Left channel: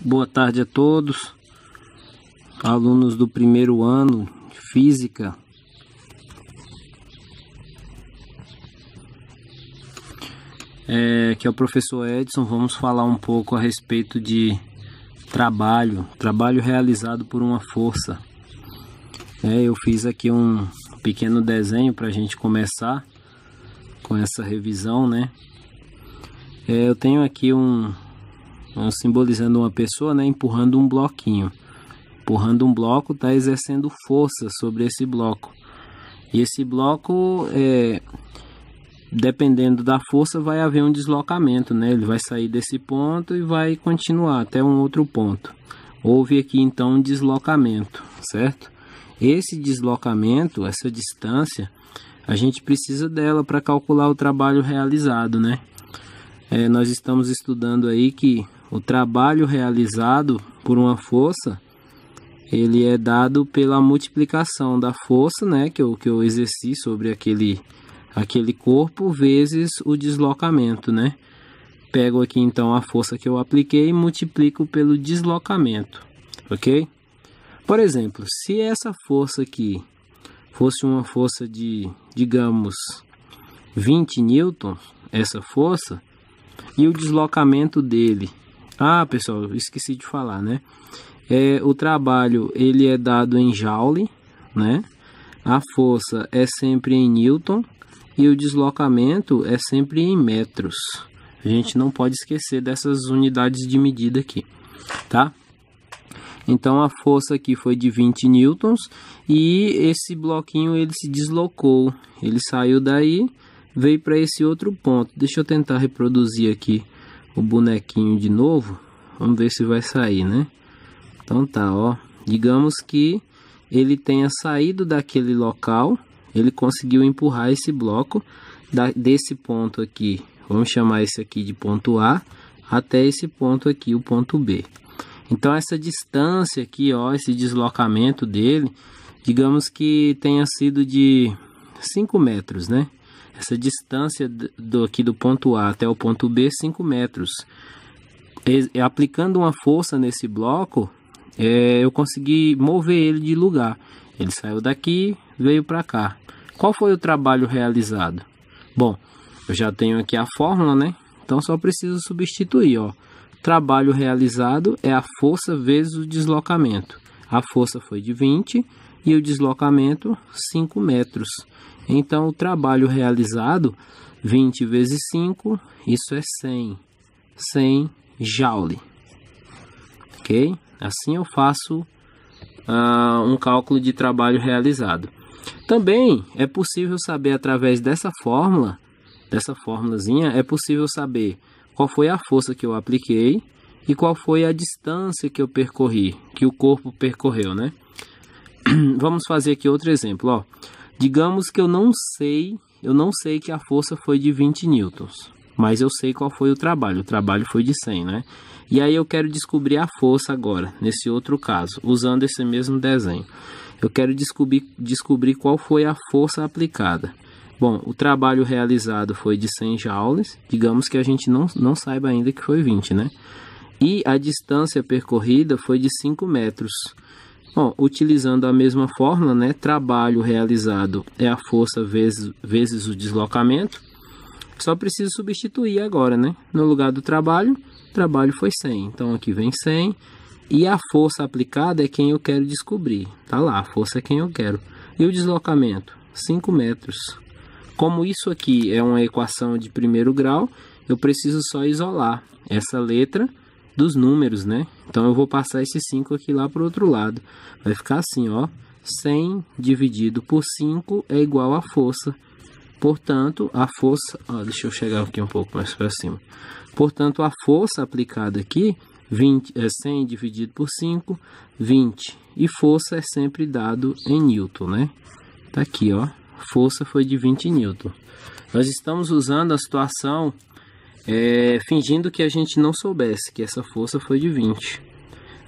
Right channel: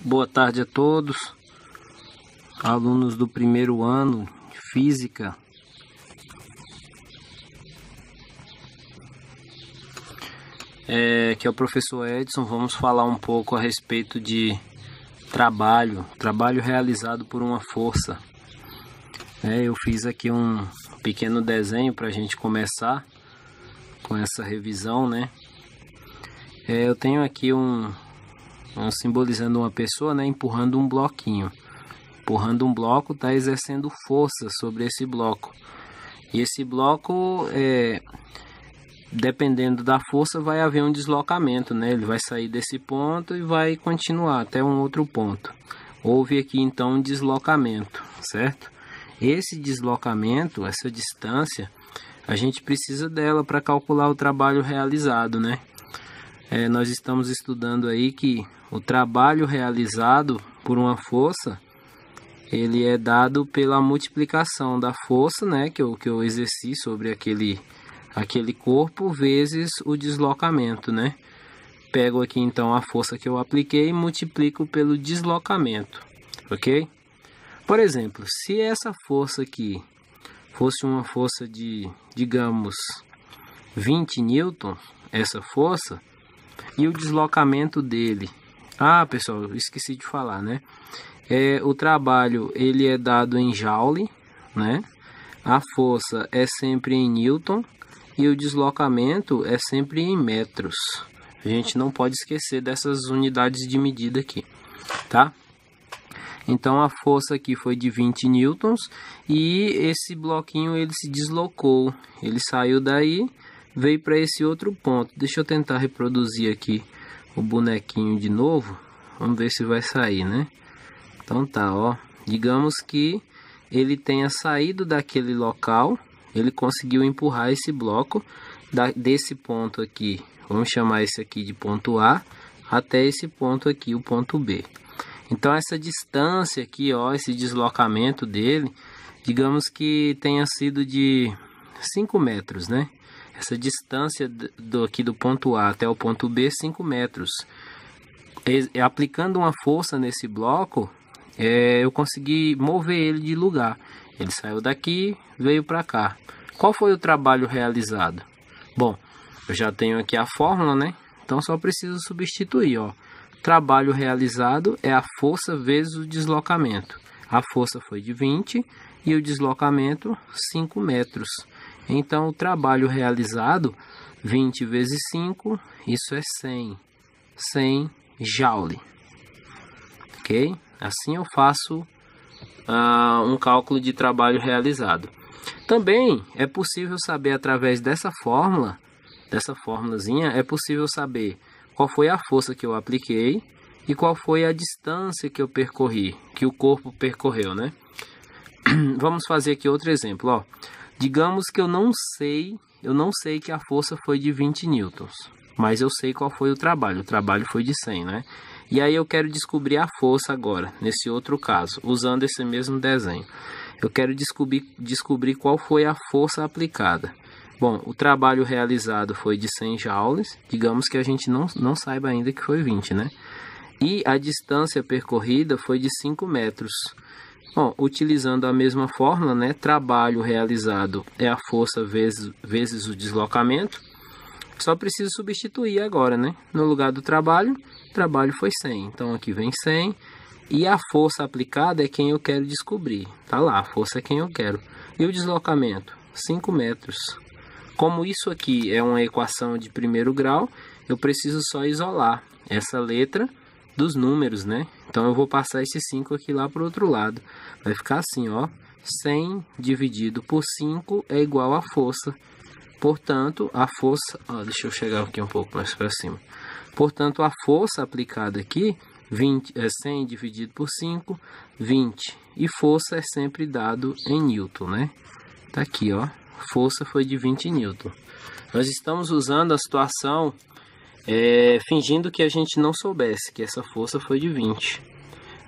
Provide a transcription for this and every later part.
Boa tarde a todos, alunos do primeiro ano de Física. Aqui é o professor Edson. Vamos falar um pouco a respeito de trabalho realizado por uma força. Eu fiz aqui um pequeno desenho para a gente começar com essa revisão, né? Eu tenho aqui simbolizando uma pessoa, empurrando um bloquinho. Empurrando um bloco, está exercendo força sobre esse bloco. E esse bloco, dependendo da força, vai haver um deslocamento, né? Ele vai sair desse ponto e vai continuar até um outro ponto. Houve aqui então um deslocamento, certo? Esse deslocamento, essa distância, a gente precisa dela para calcular o trabalho realizado, né? Nós estamos estudando aí que o trabalho realizado por uma força, ele é dado pela multiplicação da força, né, que eu exerci sobre aquele corpo, vezes o deslocamento, né? Pego aqui então a força que eu apliquei e multiplico pelo deslocamento, ok? Por exemplo, se essa força aqui fosse uma força de, digamos, 20 newtons, essa força, e o deslocamento dele... pessoal, eu esqueci de falar, né? O trabalho, ele é dado em joule, né? A força é sempre em newton e o deslocamento é sempre em metros. A gente não pode esquecer dessas unidades de medida aqui, tá? Então a força aqui foi de 20 newtons e esse bloquinho ele se deslocou. Ele saiu daí, veio para esse outro ponto. Deixa eu tentar reproduzir aqui o bonequinho de novo. Vamos ver se vai sair, né? Então tá, ó. Digamos que ele tenha saído daquele local. Ele conseguiu empurrar esse bloco desse ponto aqui. Vamos chamar esse aqui de ponto A. Até esse ponto aqui, o ponto B. Então essa distância aqui, ó, esse deslocamento dele, digamos que tenha sido de 5 metros, né? Essa distância aqui do ponto A até o ponto B, 5 metros. Aplicando uma força nesse bloco, eu consegui mover ele de lugar. Ele saiu daqui, veio para cá. Qual foi o trabalho realizado? Bom, eu já tenho aqui a fórmula, né? Então só preciso substituir, ó. Trabalho realizado é a força vezes o deslocamento. A força foi de 20 e o deslocamento 5 metros. Então, o trabalho realizado, 20 vezes 5, isso é 100. 100 joule. Ok? Assim eu faço um cálculo de trabalho realizado. Também é possível saber através dessa fórmula, dessa formulazinha, é possível saber qual foi a força que eu apliquei e qual foi a distância que eu percorri, que o corpo percorreu, né? Vamos fazer aqui outro exemplo, ó. Digamos que eu não sei que a força foi de 20 newtons, mas eu sei qual foi o trabalho foi de 100, né? E aí eu quero descobrir a força agora, nesse outro caso, usando esse mesmo desenho. Eu quero descobrir qual foi a força aplicada. Bom, o trabalho realizado foi de 100 joules, digamos que a gente não saiba ainda que foi 20, né? E a distância percorrida foi de 5 metros. Bom, utilizando a mesma fórmula, né? Trabalho realizado é a força vezes o deslocamento. Só preciso substituir agora, né? No lugar do trabalho, o trabalho foi 100. Então aqui vem 100. E a força aplicada é quem eu quero descobrir. Tá lá, a força é quem eu quero. E o deslocamento? 5 metros. Como isso aqui é uma equação de primeiro grau, eu preciso só isolar essa letra dos números, né? Então eu vou passar esse 5 aqui lá para o outro lado. Vai ficar assim, ó. 100 dividido por 5 é igual a força. Portanto, a força... deixa eu chegar aqui um pouco mais para cima. Portanto, a força aplicada aqui, 100 dividido por 5, 20. E força é sempre dado em newton, né? Tá aqui, ó. Força foi de 20 newton. Nós estamos usando a situação... fingindo que a gente não soubesse que essa força foi de 20.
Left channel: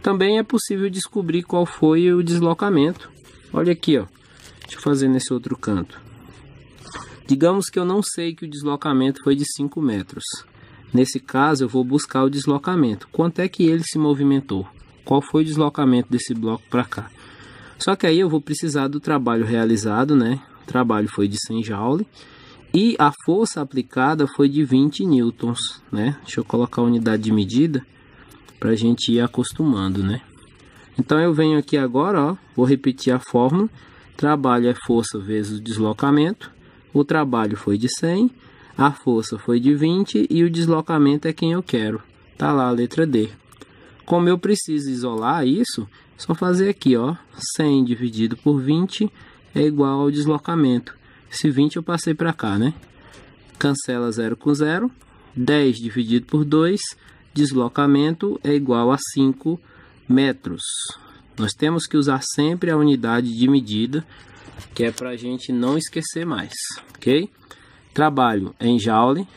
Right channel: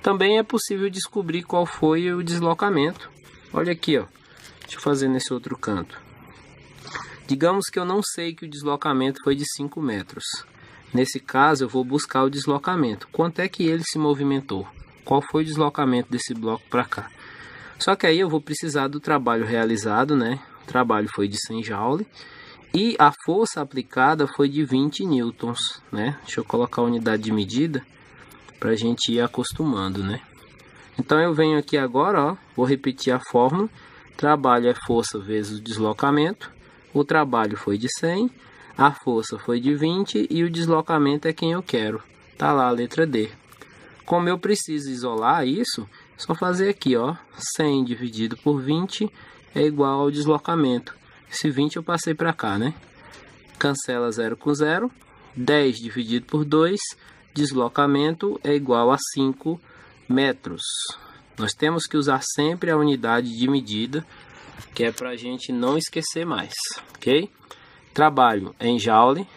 Também é possível descobrir qual foi o deslocamento. Olha aqui, ó. Deixa eu fazer nesse outro canto. Digamos que eu não sei que o deslocamento foi de 5 metros. Nesse caso, eu vou buscar o deslocamento. Quanto é que ele se movimentou? Qual foi o deslocamento desse bloco para cá? Só que aí eu vou precisar do trabalho realizado, né? O trabalho foi de 100 Joule e a força aplicada foi de 20 newtons, né? Deixa eu colocar a unidade de medida para a gente ir acostumando, né? Então eu venho aqui agora, ó, vou repetir a fórmula. Trabalho é força vezes o deslocamento. O trabalho foi de 100, a força foi de 20 e o deslocamento é quem eu quero. Tá lá a letra D. Como eu preciso isolar isso, é só fazer aqui, ó, 100 dividido por 20 é igual ao deslocamento. Esse 20 eu passei para cá, né? Cancela 0 com 0. 10 dividido por 2, deslocamento é igual a 5 metros. Nós temos que usar sempre a unidade de medida, que é para a gente não esquecer mais, ok? Trabalho em Joule,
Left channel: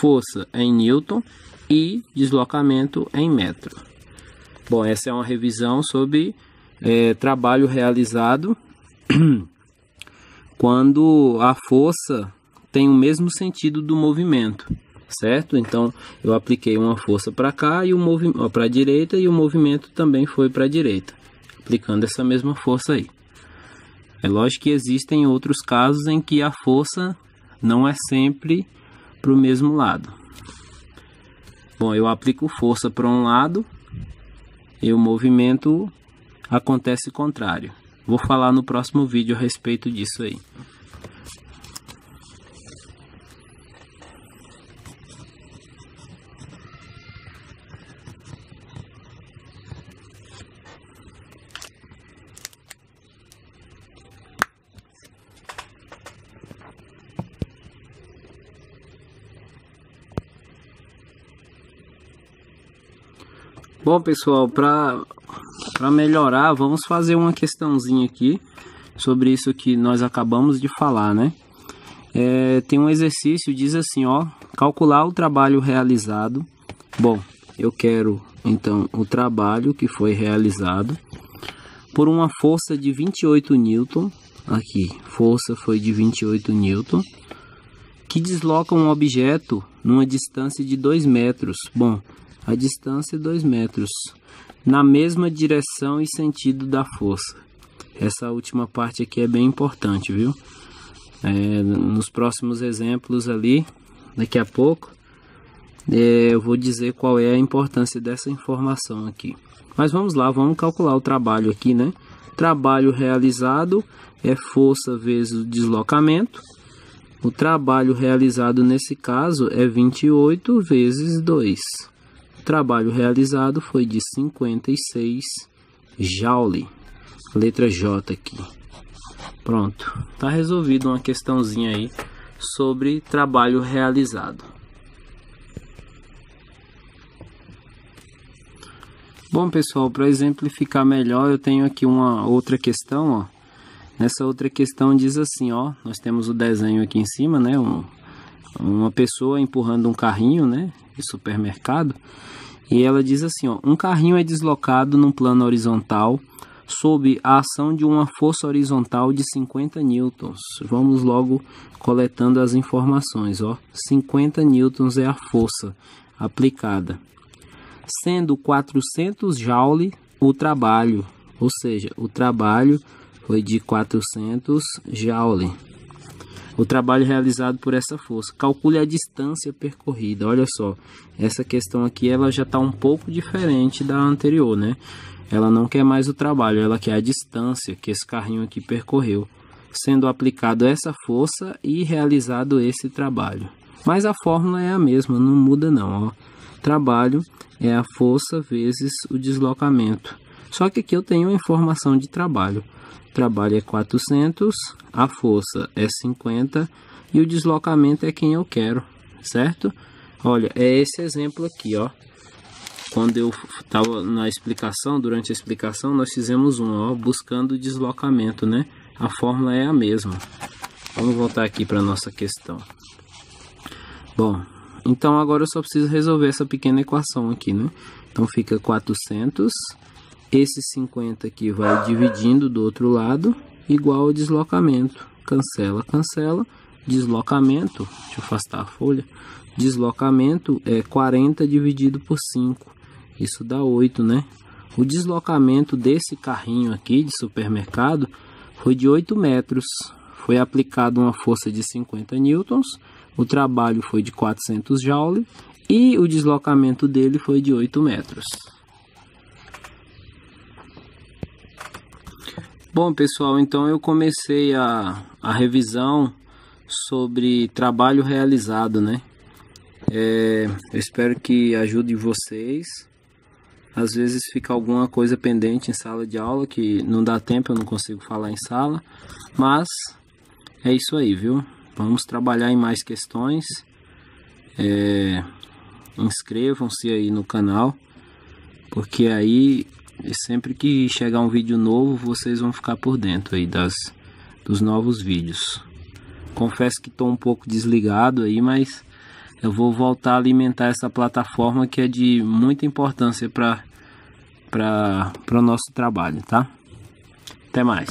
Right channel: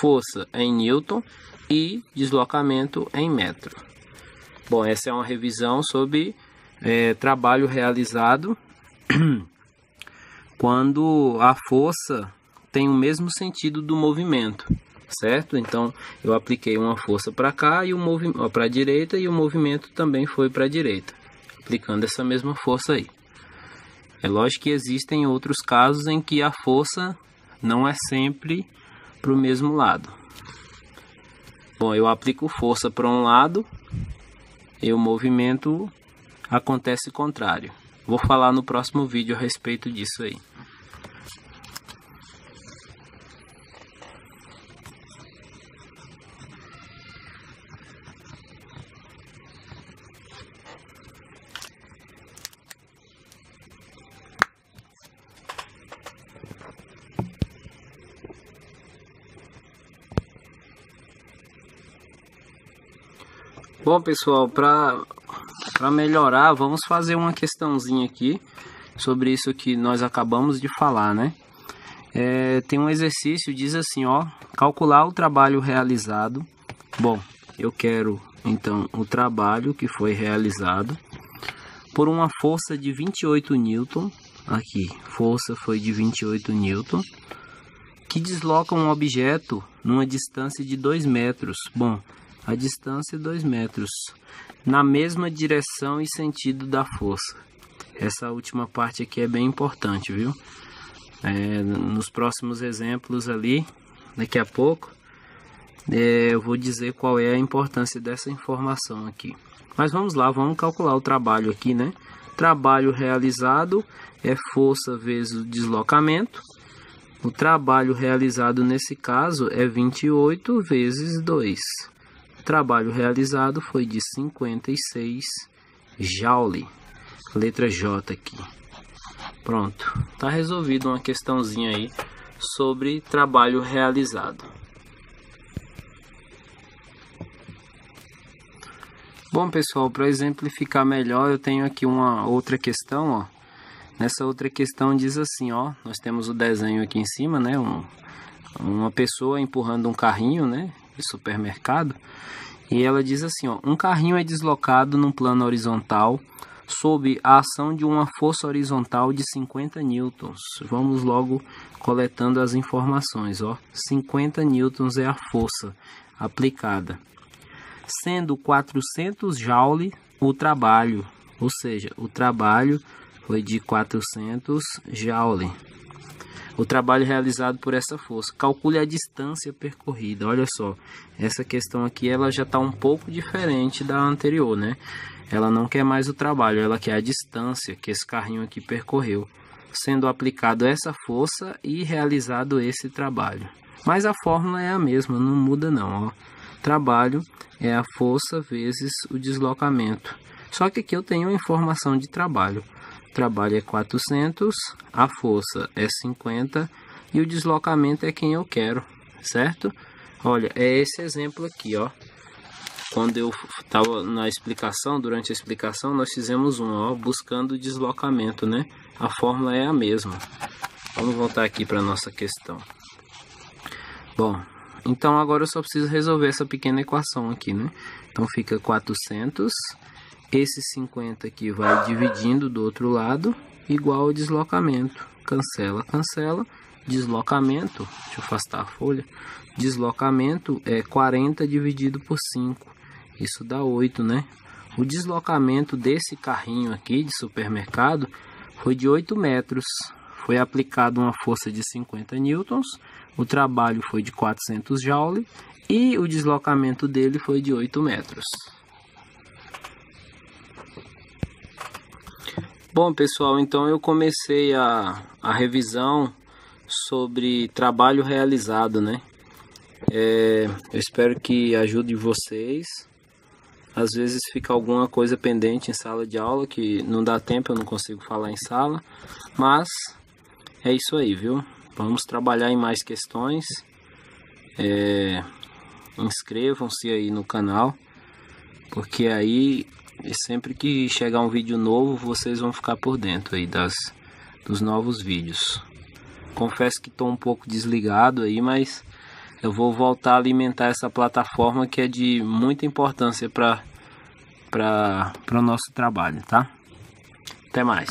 força em Newton e deslocamento em metro. Bom, essa é uma revisão sobre trabalho realizado quando a força tem o mesmo sentido do movimento, certo? Então, eu apliquei uma força para cá e o movimento para a direita e o movimento também foi para a direita, aplicando essa mesma força aí. É lógico que existem outros casos em que a força não é sempre para o mesmo lado. Bom, eu aplico força para um lado e o movimento acontece contrário. Vou falar no próximo vídeo a respeito disso aí. Bom, pessoal, para melhorar, vamos fazer uma questãozinha aqui sobre isso que nós acabamos de falar, né? Tem um exercício, diz assim, ó, calcular o trabalho realizado. Bom, eu quero, então, o trabalho que foi realizado por uma força de 28 newton, aqui, força foi de 28 newton, que desloca um objeto numa distância de 2 metros. Bom, a distância é 2 metros, na mesma direção e sentido da força. Essa última parte aqui é bem importante, viu? Nos próximos exemplos ali, daqui a pouco, eu vou dizer qual é a importância dessa informação aqui. Mas vamos lá, vamos calcular o trabalho aqui, né? Trabalho realizado é força vezes o deslocamento. O trabalho realizado nesse caso é 28 vezes 2. O trabalho realizado foi de 56 Joule. Letra J aqui. Pronto. Tá resolvido uma questãozinha aí sobre trabalho realizado. Bom, pessoal, para exemplificar melhor, eu tenho aqui uma outra questão, ó. Nessa outra questão diz assim, ó, nós temos o desenho aqui em cima, né? Uma pessoa empurrando um carrinho, né, de supermercado. E ela diz assim, ó, um carrinho é deslocado num plano horizontal sob a ação de uma força horizontal de 50 newtons. Vamos logo coletando as informações, ó. 50 newtons é a força aplicada, sendo 400 Joule o trabalho, ou seja, o trabalho foi de 400 Joule. O trabalho realizado por essa força. Calcule a distância percorrida. Olha só, essa questão aqui ela já está um pouco diferente da anterior, né? Ela não quer mais o trabalho, ela quer a distância que esse carrinho aqui percorreu, sendo aplicado essa força e realizado esse trabalho. Mas a fórmula é a mesma, não muda não, ó. Trabalho é a força vezes o deslocamento. Só que aqui eu tenho a informação de trabalho. Trabalho é 400, a força é 50 e o deslocamento é quem eu quero, certo? Olha, é esse exemplo aqui, ó. Quando eu estava na explicação, durante a explicação, nós fizemos ó, buscando o deslocamento, né? A fórmula é a mesma. Vamos voltar aqui para a nossa questão. Bom, então agora eu só preciso resolver essa pequena equação aqui, né? Então fica 400... Esse 50 aqui vai dividindo do outro lado, igual ao deslocamento. Cancela, cancela. Deslocamento, deixa eu afastar a folha. deslocamento é 40 dividido por 5. Isso dá 8, né? O deslocamento desse carrinho aqui de supermercado foi de 8 metros. Foi aplicada uma força de 50 newtons. O trabalho foi de 400 joules. E o deslocamento dele foi de 8 metros. Bom, pessoal, então eu comecei a revisão sobre trabalho realizado, né? Eu espero que ajude vocês. Às vezes fica alguma coisa pendente em sala de aula que não dá tempo, eu não consigo falar em sala. Mas é isso aí, viu? Vamos trabalhar em mais questões. Inscrevam-se aí no canal, porque aí sempre que chegar um vídeo novo, vocês vão ficar por dentro aí dos novos vídeos. Confesso que estou um pouco desligado aí, mas eu vou voltar a alimentar essa plataforma que é de muita importância para o nosso trabalho, tá? Até mais!